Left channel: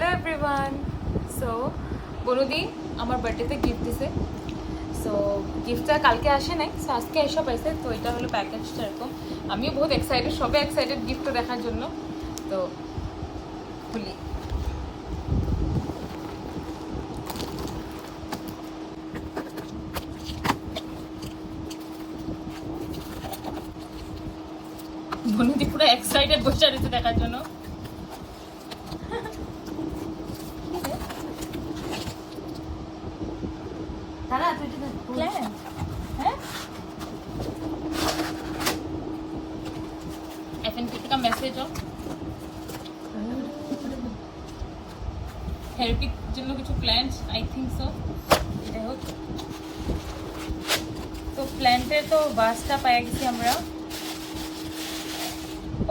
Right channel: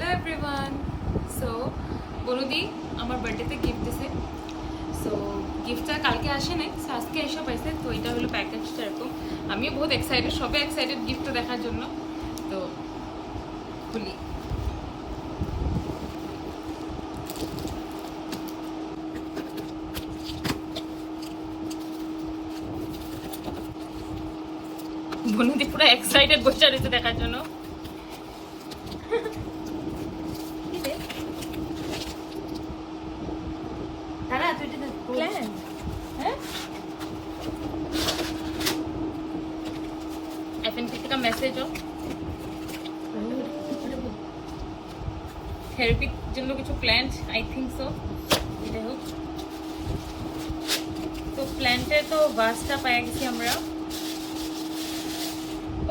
Hello everyone so বনুদি আমার বার্থডেতে gift দিছে। সো গিফটটা কালকে আসে নাই সো আজকে এসব পাইছে। তো এটা হলো প্যাকেজটা এরকম। আমিও বহুত এক্সাইটেড সবাই এক্সাইটেড গিফটটা দেখার জন্য। তো, খুলি। বনুদি পুরো এক্সাইটেড বসে রয়েছে দেখার জন্য কি রে? দাঁড়া তুই এটা Plant? हैं एफएनपी का मैसेज हो থেরাপির জন্য কিছু প্ল্যান্ট আই থিঙ্ক সো এটাই হোক তো প্ল্যান্টের তো বাসটা পাইয়া গেছি আমরা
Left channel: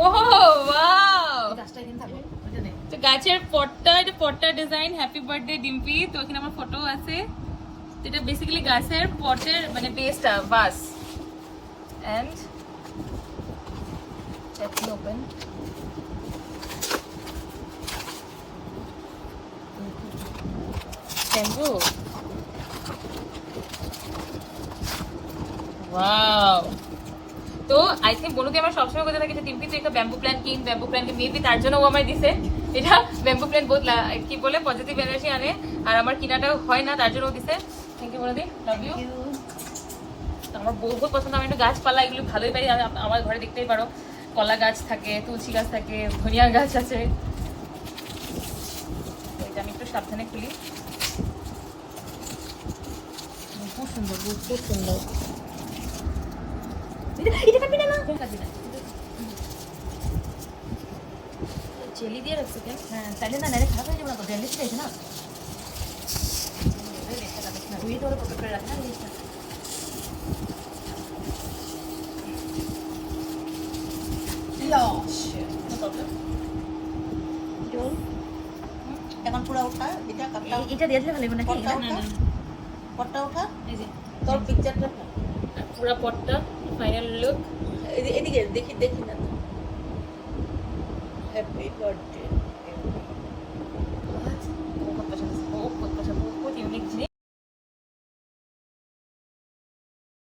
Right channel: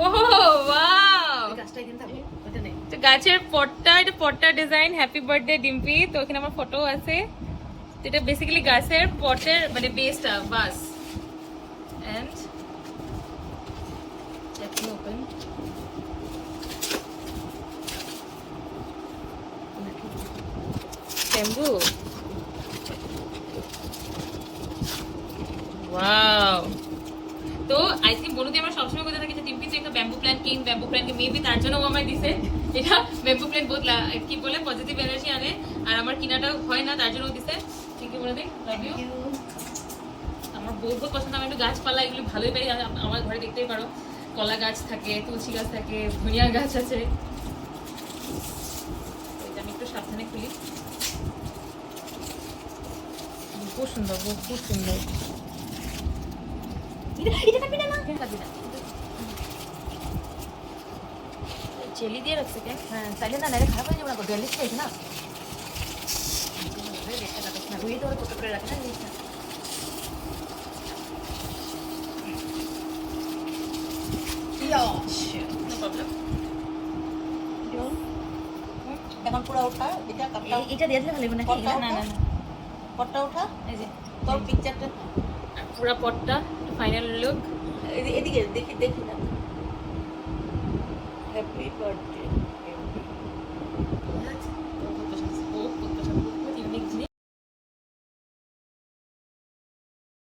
ওহো ওয়াও গাছটা এখানে থাকো ওটা নেই তো গাছের পটটা এটা পটটা ডিজাইন হ্যাপি বার্থডে ডিম্পি তো এখানে আমার ফটো আছে এটা বেসিক্যালি গাছের পটের মানে বেসটা বাস অ্যান্ড ওপেন শ্যাম্পু ওয়াও তো আই থিঙ্ক বনুদি আমার সবসময় কথা থাকে যে টিম্পি তুই একটা ব্যাম্বু প্ল্যান কিন ব্যাম্বু প্ল্যান মেবি তার জন্য ও আমায় দিছে। এটা ব্যাম্বু প্ল্যান বহুত কি বলে? পজিটিভ এনার্জি আনে। আর আমার কিনাটা হয় না, তার জন্য ও দিছে। Thank you Bonudi love you আমার বহুত পছন্দ আমি একটু গাছপালা এগুলো ভালোই পাই। আমার ঘরে দেখতেই পারো কলা গাছ থাকে তুলসী গাছ থাকে ধনিয়া গাছ আছে। এটা আমি একটু সাবধানে খুলি। খুব সুন্দর খুব সুন্দর। চেলি দিয়ে রাখছে কেন? হ্যাঁ তাহলে না খারাপ হয়ে যাবে না দেয়াল লিস্ট আছে না ওই তো কত করে রাখে না এখন পুরো ওঠা এটা কাপটা এটা দিয়ে দিলে ভালো হবে না ওঠা? না না। ওঠা? এই তোর পিকচারটা পুরো পটটা ফাইনাল লুক এদি- এদিকে দেখি দেখি না। তো হ্যাপি বার্থডে